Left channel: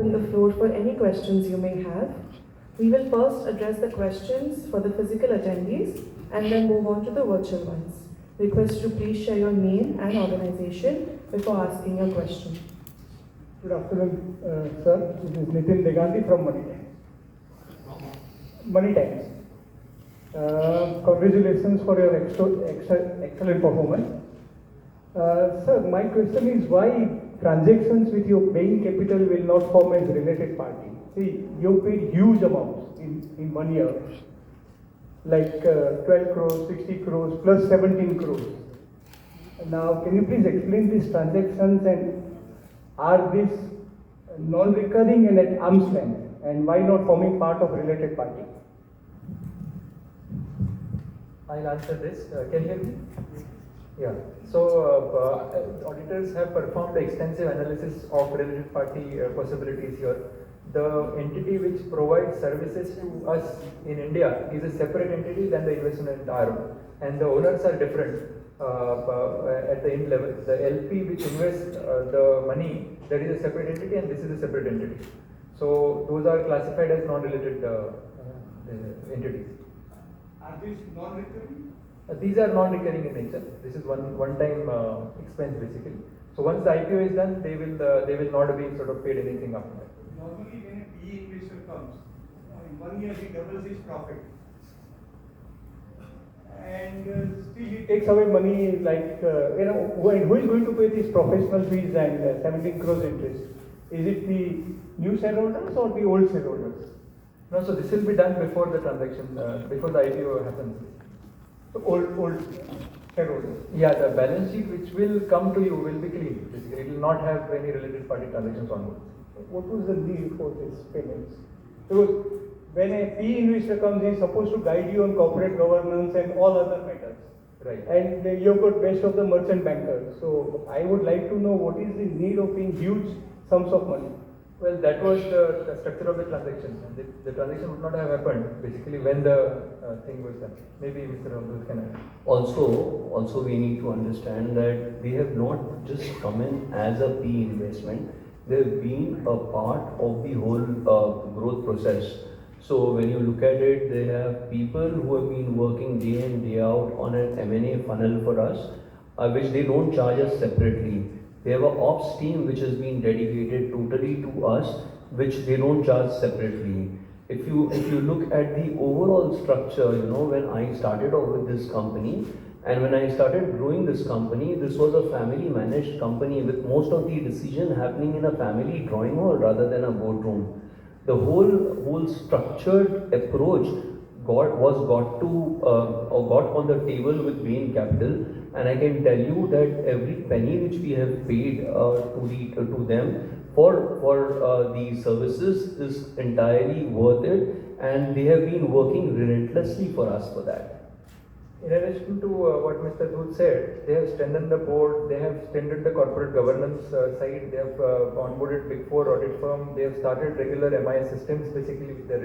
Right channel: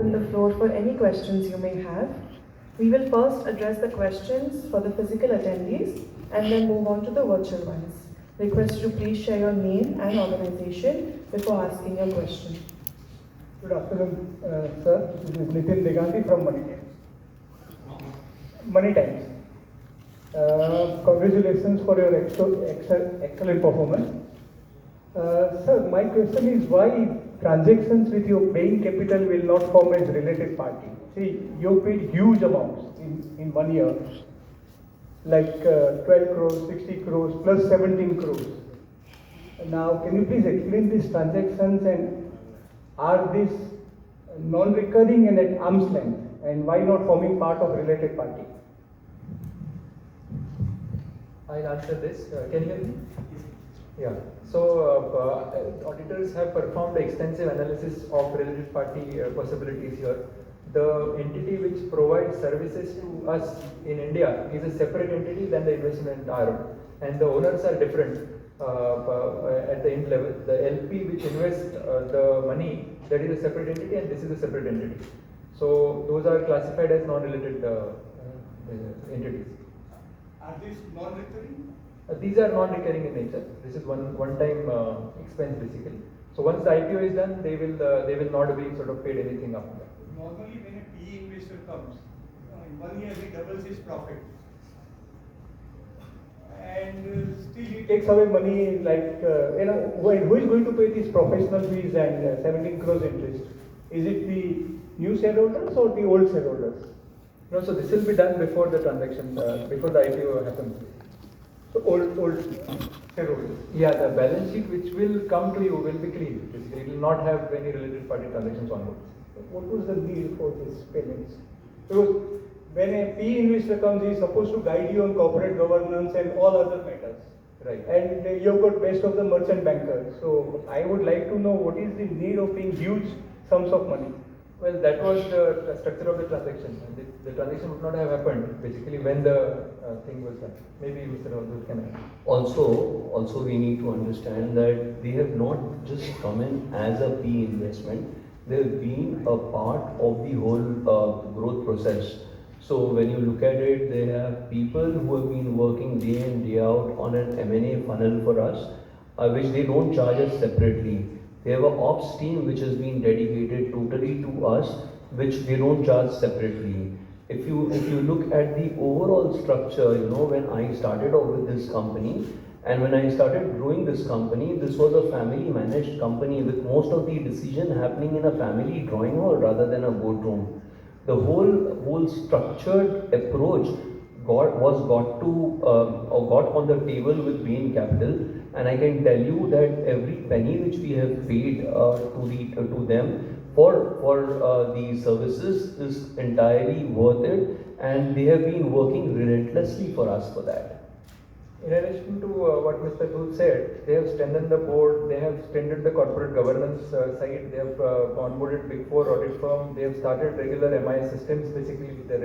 Open the floor for any questions you may have. We will first address the questions for the physical attendees and then move on to the virtual ones. Request you to please share your name and organization before asking your question. Good afternoon, sir. This is Nitin Negandhi from Money Times. Money Times. Congratulations for your excellent performance. Sir, my question is why transactions with your paying capital will not form as related party? See, you paid huge amounts in 1 year, like 12 crores, 60 crores, plus 17 crores. Now, can you please explain these transactions and are these non-recurring and at arm's length? And why not forming part of related party? I'll answer this. Can you hear me? Yeah. So, auditors have performed extensive analysis of related party possibilities here. The entity which provides services to us in India is a separate entity than the investment arm, and the owners are different at the end level. The LP which invests the money, that is a separate entity, and this is a separate entity. So, those are classified as non-related entities. Are these non-recurring? These are non-recurring in nature. This is one-time expense basically. So once the IPO is done, they will not be sort of paid anything after that. Normally, when a PE investor comes, in 1 year he doubles his profit, and still he takes away money. Like who is going to pay these professional fees and 17 crores interest? Is it the new shareholders or the old shareholders? No, so this will be done before the transaction, before the IPO happens. So old shareholders. Yeah, the balance sheet which will come to you will be clean. Basically, it will not have any related party transactions on it. What was the deal for these payments? Because when a PE investor comes, he is supposed to guide you on corporate governance and all other matters. Right. And you have got best of the merchant bankers. So I would like to know what is the need of paying huge sums of money. Well, that was the structure of the transaction. The transaction would not have happened basically when the thing was done. Maybe Mr. Dhoot can add. Also we need to understand that they have not just come in as a P investment. They have been a part of the whole growth process. So when you look at it, they have people who have been working day in day out on an M&A funnel for us, which they don't charge us separately. They have an ops team which has been dedicated totally to us, which they don't charge separately. If you look at the overall structure, when I started off with this company and when I started growing this company, this was a family managed company with most of the decision happening in a family drawing hall rather than a boardroom. The whole structured approach got on the table with Bain Capital, and I can tell you that every penny which we have paid to them for the services is entirely worth it, and they have been working relentlessly for us for that. In addition to what Mr. Dhoot said, they have strengthened the board, they have strengthened the corporate governance side, they have onboarded Big Four audit firm, they have started regular MI systems basically, which we are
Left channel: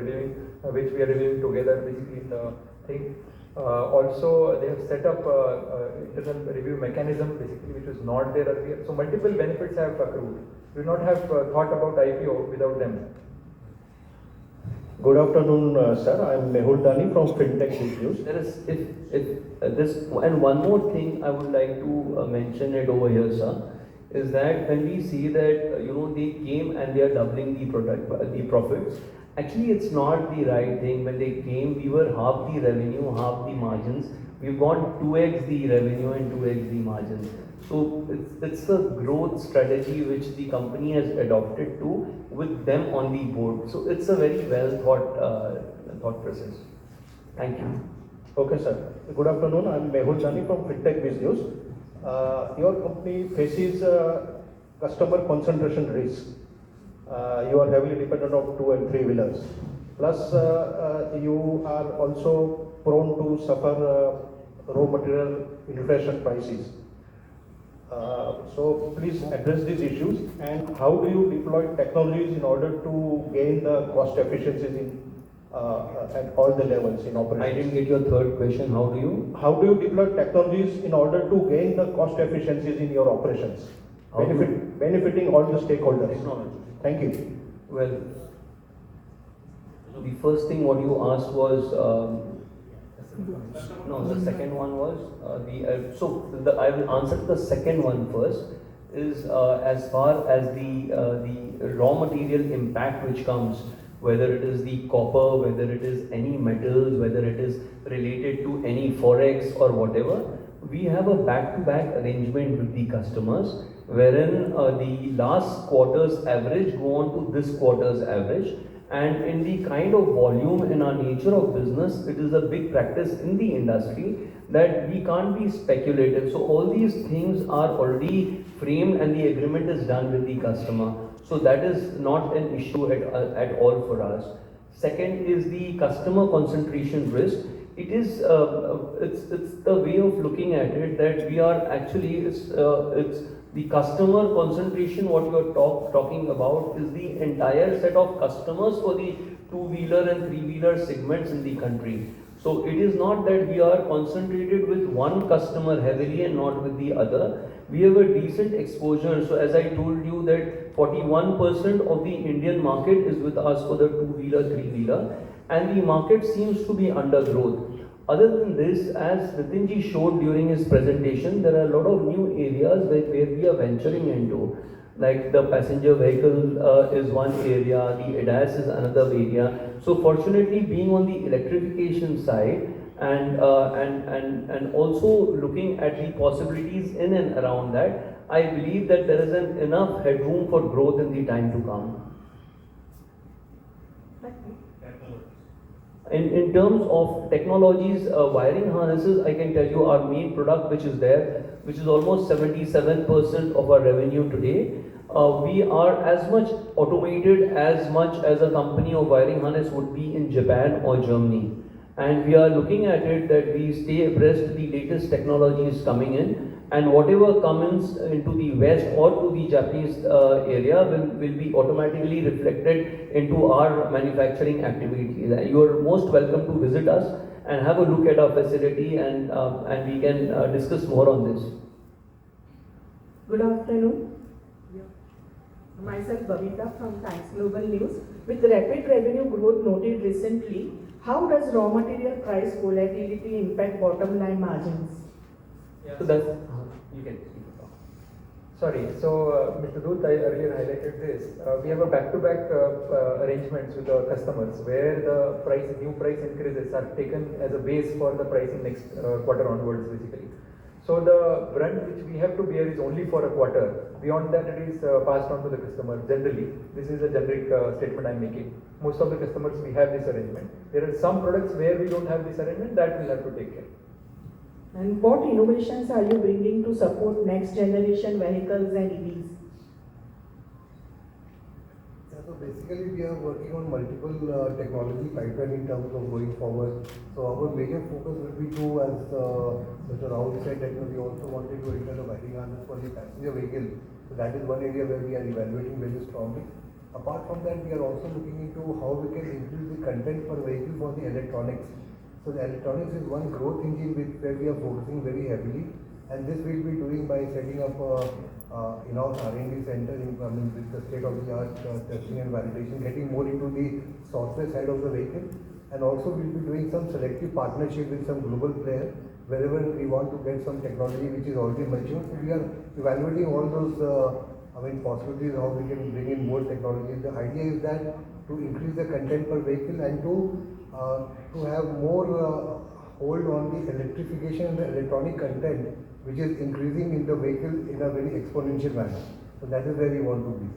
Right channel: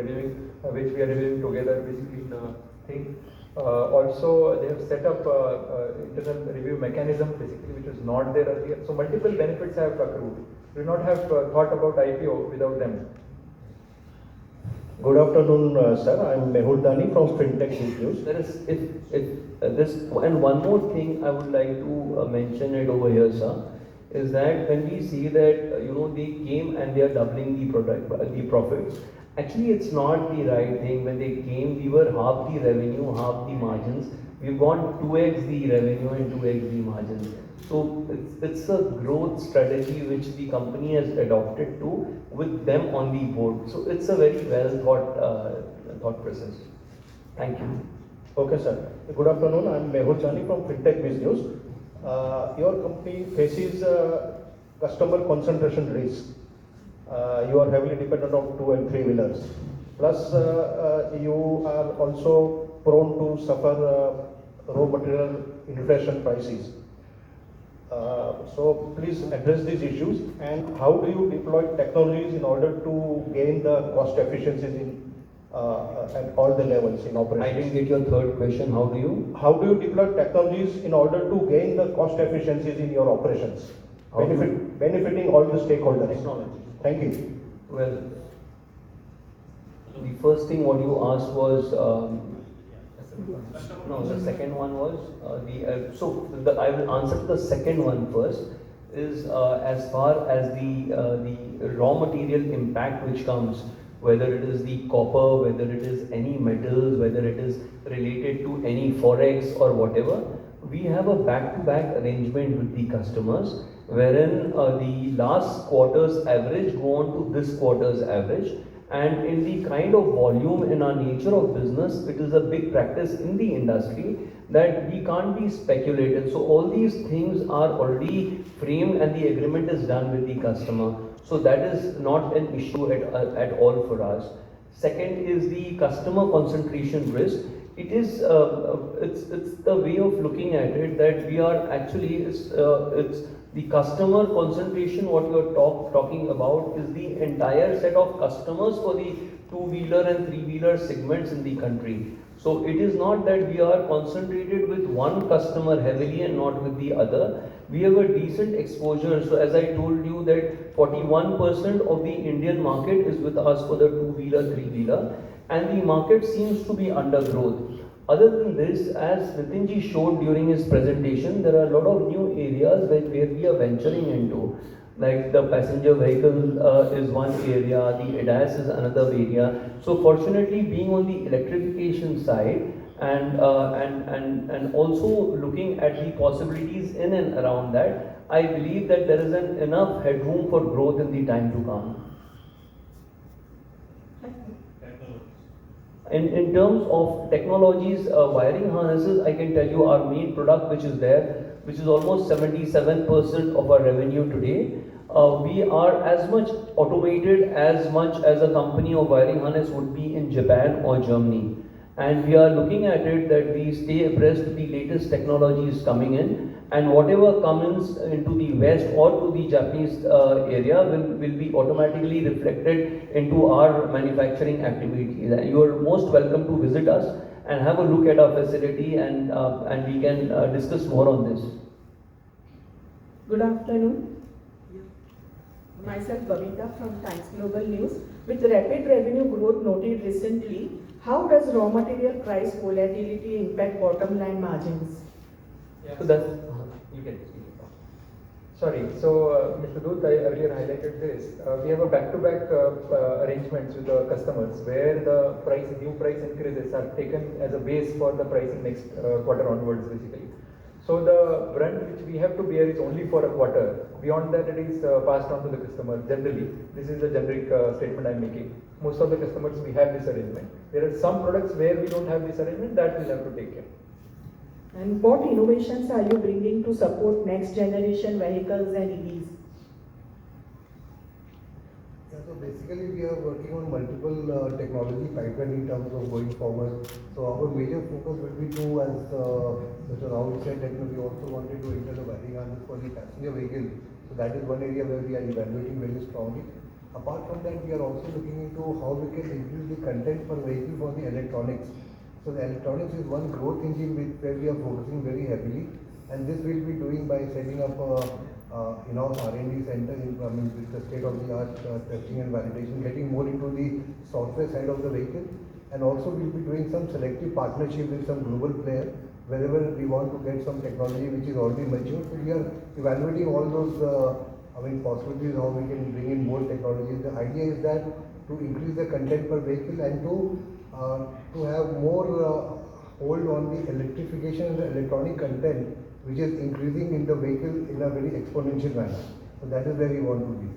reviewing together basically in the thing. Also, they have set up internal review mechanism basically, which was not there earlier. So multiple benefits have accrued. We do not have thought about IPO without them. Good afternoon, sir. I am Mehul Dani from Fintech News. There is and one more thing I would like to mention it over here, sir, is that when we see that they came and they are doubling the profits. Actually, it's not the right thing. When they came, we were half the revenue, half the margins. We've gone 2x the revenue and 2x the margins. So it's a growth strategy which the company has adopted to with them on the board. So it's a very well thought process. Thank you. Okay, sir. Good afternoon. I am Mehul Dani from Fintech News. Your company faces customer concentration risk. You are heavily dependent on 2 and 3 wheelers. Plus, you are also prone to suffer raw material inflation prices. So please address these issues, and how do you deploy technologies in order to gain the cost efficiencies at all the levels in operations? I didn't get your third question. How do you deploy technologies in order to gain the cost efficiencies in your operations, benefiting all the stakeholders? Technology. Thank you. Well, the first thing what you asked was, no, the second one was, I will answer the second one first, is as far as the raw material impact which comes, whether it is the copper, whether it is any metals, whether it is related to any forex or whatever, we have a back-to-back arrangement with the customers, wherein the last quarter's average go on to this quarter's average. And in the kind of volume in our nature of business, it is a big practice in the industry that we can't be speculative. So all these things are already framed and the agreement is done with the customer. So that is not an issue at all for us. Second is the customer concentration risk. It is it's the way of looking at it that we are actually it's the customer concentration. What you are talking about is the entire set of customers for the two-wheeler and three-wheeler segments in the country. So it is not that we are concentrated with one customer heavily and not with the other. We have a decent exposure. So as I told you that 41% of the Indian market is with us for the two-wheeler, three-wheeler, and the market seems to be under growth. Other than this, as Nitinji showed during his presentation, there are a lot of new areas where we are venturing into. Like the passenger vehicle is one area, the ADAS is another area. So fortunately, being on the electrification side and also looking at the possibilities in and around that, I believe that there is enough headroom for growth in the time to come. In terms of technologies, wiring harnesses, I can tell you our main product which is there, which is almost 77% of our revenue today. We are as much automated as much as a company of wiring harness would be in Japan or Germany. And we are looking at it that we stay abreast of the latest technologies coming in, and whatever comes into the West or to the Japanese area will be automatically reflected into our manufacturing activities. You are most welcome to visit us and have a look at our facility, and we can discuss more on this. Good afternoon. Myself Babita from Times Global News. With rapid revenue growth noted recently, how does raw material price volatility impact bottom line margins? Yeah. So that's, you can. Sorry, so Mr. Dhoot, I earlier highlighted this. We have a back-to-back arrangements with the customers where the new price increases are taken as a base for the pricing next quarter onwards, basically. So the brunt which we have to bear is only for a quarter. Beyond that, it is passed on to the customer. Generally, this is a generic statement I am making. Most of the customers we have this arrangement. There are some products where we don't have this arrangement that we'll have to take care. And what innovations are you bringing to support next generation vehicles and EVs? Yeah, so basically we are working on multiple technology pipeline in terms of going forward. So our major focus will be to, as Mr. Rahul said, that we also wanted to enter the wiring harness for the passenger vehicle. So that is one area where we are evaluating very strongly. Apart from that, we are also looking into how we can increase the content per vehicle for the electronics. So the electronics is one growth engine where we are focusing very heavily, and this we'll be doing by setting up in-house R&D center with the state-of-the-art testing and validation, getting more into the software side of the vehicle, and also we'll be doing some selective partnership with some global players wherever we want to get some technology which is already mature. So we are evaluating all those possibilities how we can bring in more technology. The idea is that to increase the content per vehicle and to have more hold on the electrification and the electronic content which is increasing in the vehicle in a very exponential manner. So that is where we want to be.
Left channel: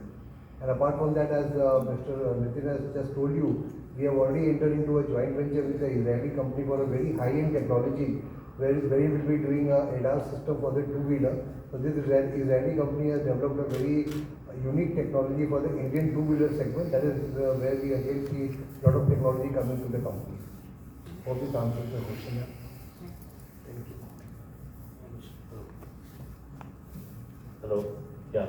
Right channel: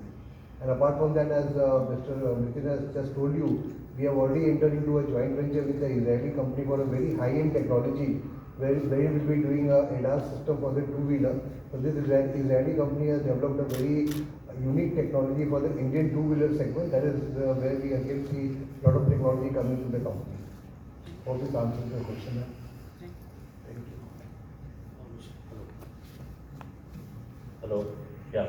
And apart from that, as Mr. Nitin has just told you, we have already entered into a joint venture with the Israeli company for a very high-end technology where we will be doing a ADAS system for the two-wheeler. So this Israeli company has developed a very unique technology for the Indian two-wheeler segment. That is where we again see a lot of technology coming to the company. Hope this answers your question. Thank you. Hello. Yeah.